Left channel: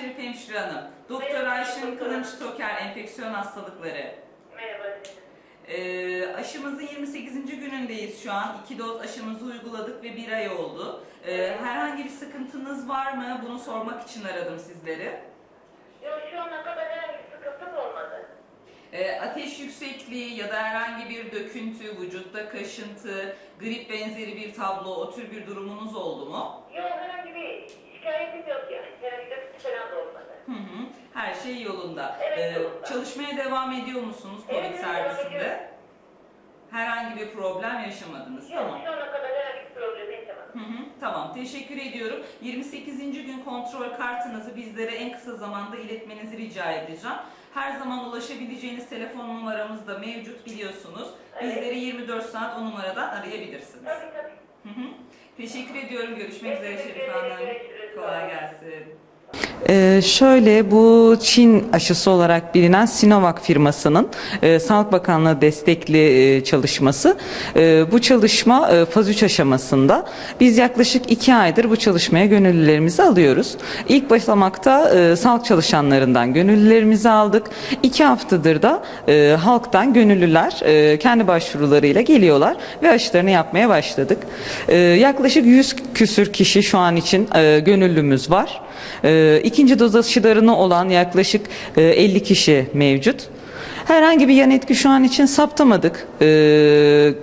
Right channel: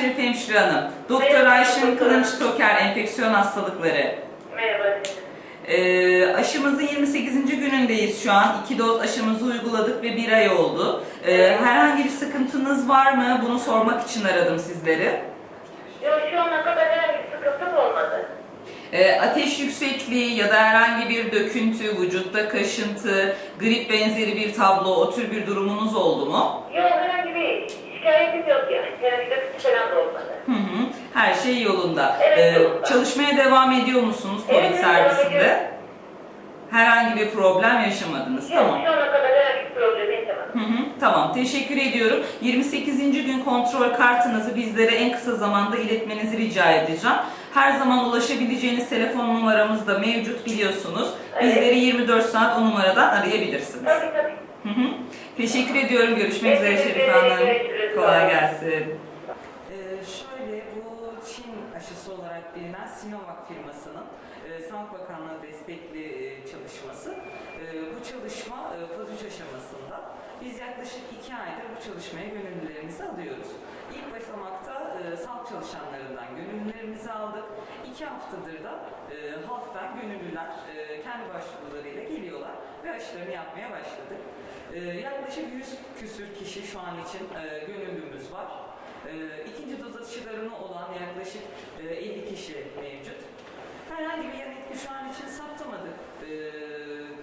Şerif Hemşire Hanım. Doktor Ayşin. Kılınç Toker Enfeksiyon Hastalıkları. Merhaba. Ee, aşımızın 28. günündeyiz şu an. İki doz aşımızı uyguladık ve bir ay oldu. Ee, herhangi bir sıkıntınız var mı? Bunu sormak için aradım sizleri. Yok şu ana kadar herhangi bir sıkıntım olmadı. Ee, ateş yüksekliği ya da herhangi bir döküntü, vücutta kaşıntı, grip benzeri bir tablo, o tür bir durumunuz oldu mu? Yok herhangi bir şikayetim yok yani. Da olmadı. Hı hı, her şey yolunda. Evet, Ee, yolunda. Çalışmaya devam ediyor musunuz COVID evet, servisinde? Herhangi bir problem yaşamadınız. Yok Tamam. şu ana kadar herhangi bir problem yaşamadım. Hı hı, tamam, teşekkür ediyorum. 28. gün kontrol kartınızı bizlere en kısa zamanda iletmenizi rica edeceğim. Her zaman ulaşabileceğiniz telefon numaramız da mevcut biliyorsunuz. Evet. Bizleri 24 saat o numaradan arayabilirsiniz. Tabii tabii. Hı hı. Teşekkür ediyorum. Görüşmek üzere Şerife. Hanım. Kolay gelsin. Ee, şöyle bu Çin aşısı olarak bilinen Sinovac firmasının e, Sağlık Bakanlığı destekli e, çalışması. E, bu çalışma e, faz 3 aşamasında. Biz yaklaşık 2 aydır bu çalışmaya gönüllülerimizi alıyoruz. İlk başlamakta e, sağlık çalışanlarından gönüllülerimizi aldık. 2 haftadır da e, halktan gönüllüler e, kendi başvurularıyla geliyorlar ve aşılarını yapmaya başladık. E, yaklaşık 100 küsür kişi şu an için e, gönüllümüz var. Ee, ikinci doz aşılarını olan yaklaşık e, 50 kişi mevcut. Herhangi bir yan etki şu an için saptamadık. Ee,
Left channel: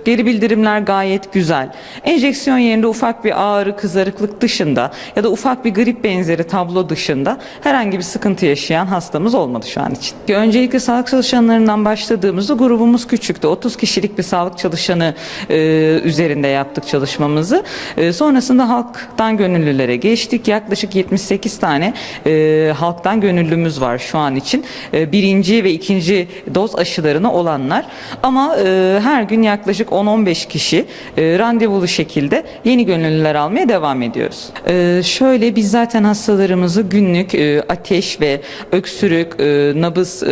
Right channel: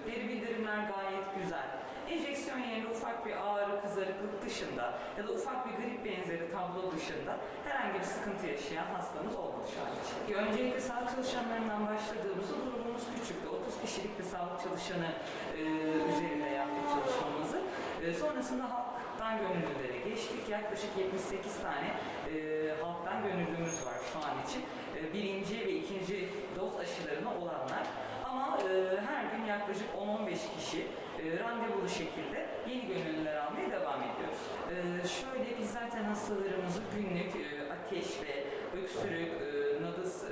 geri bildirimler gayet güzel. Enjeksiyon yerinde ufak bir ağrı, kızarıklık dışında ya da ufak bir grip benzeri tablo dışında herhangi bir sıkıntı yaşayan hastamız olmadı şu an için. Öncelikle sağlık çalışanlarından başladığımızda grubumuz küçüktü. 30 kişilik bir sağlık çalışanı e, üzerinde yaptık çalışmamızı. E, sonrasında halktan gönüllülere geçtik. Yaklaşık 78 tane e, halktan gönüllümüz var şu an için. E, birinci ve ikinci doz aşılarını olanlar. Ama e, her gün yaklaşık 10-15 kişi e, randevulu şekilde yeni gönüllüler almaya devam ediyoruz. E, şöyle biz zaten hastalarımızı günlük e, ateş ve öksürük, e, nabız e,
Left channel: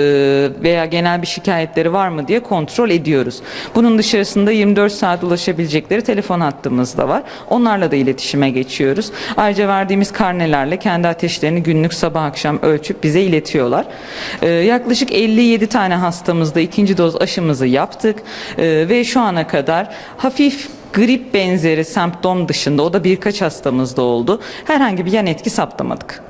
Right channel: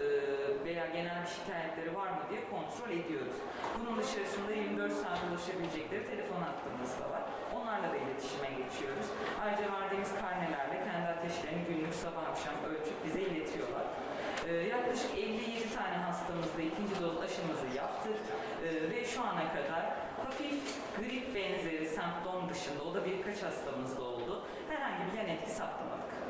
veya genel bir şikayetleri var mı diye kontrol ediyoruz. Bunun dışarısında 24 saat ulaşabilecekleri telefon hattımız da var. Onlarla da iletişime geçiyoruz. Ayrıca verdiğimiz karnelerle kendi ateşlerini günlük sabah akşam ölçüp bize iletiyorlar. E, yaklaşık 57 tane hastamızda ikinci doz aşımızı yaptık ve şu ana kadar hafif grip benzeri semptom dışında o da birkaç hastamızda oldu. Herhangi bir yan etki saptamadık.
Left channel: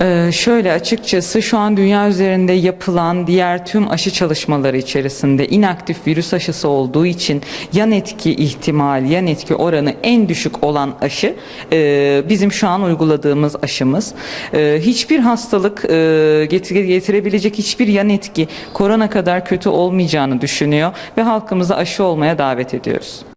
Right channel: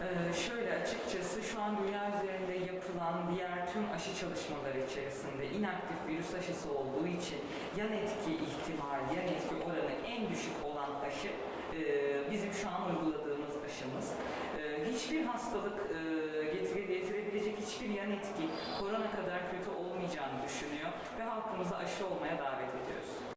Ee, şöyle açıkçası şu an dünya üzerinde yapılan diğer tüm aşı çalışmaları içerisinde inaktif virüs aşısı olduğu için yan etki ihtimali, yan etki oranı en düşük olan aşı e, bizim şu an uyguladığımız aşımız. E, hiçbir hastalık e, getir- getirebilecek hiçbir yan etki korona kadar kötü olmayacağını düşünüyor ve halkımızı aşı olmaya davet ediyoruz.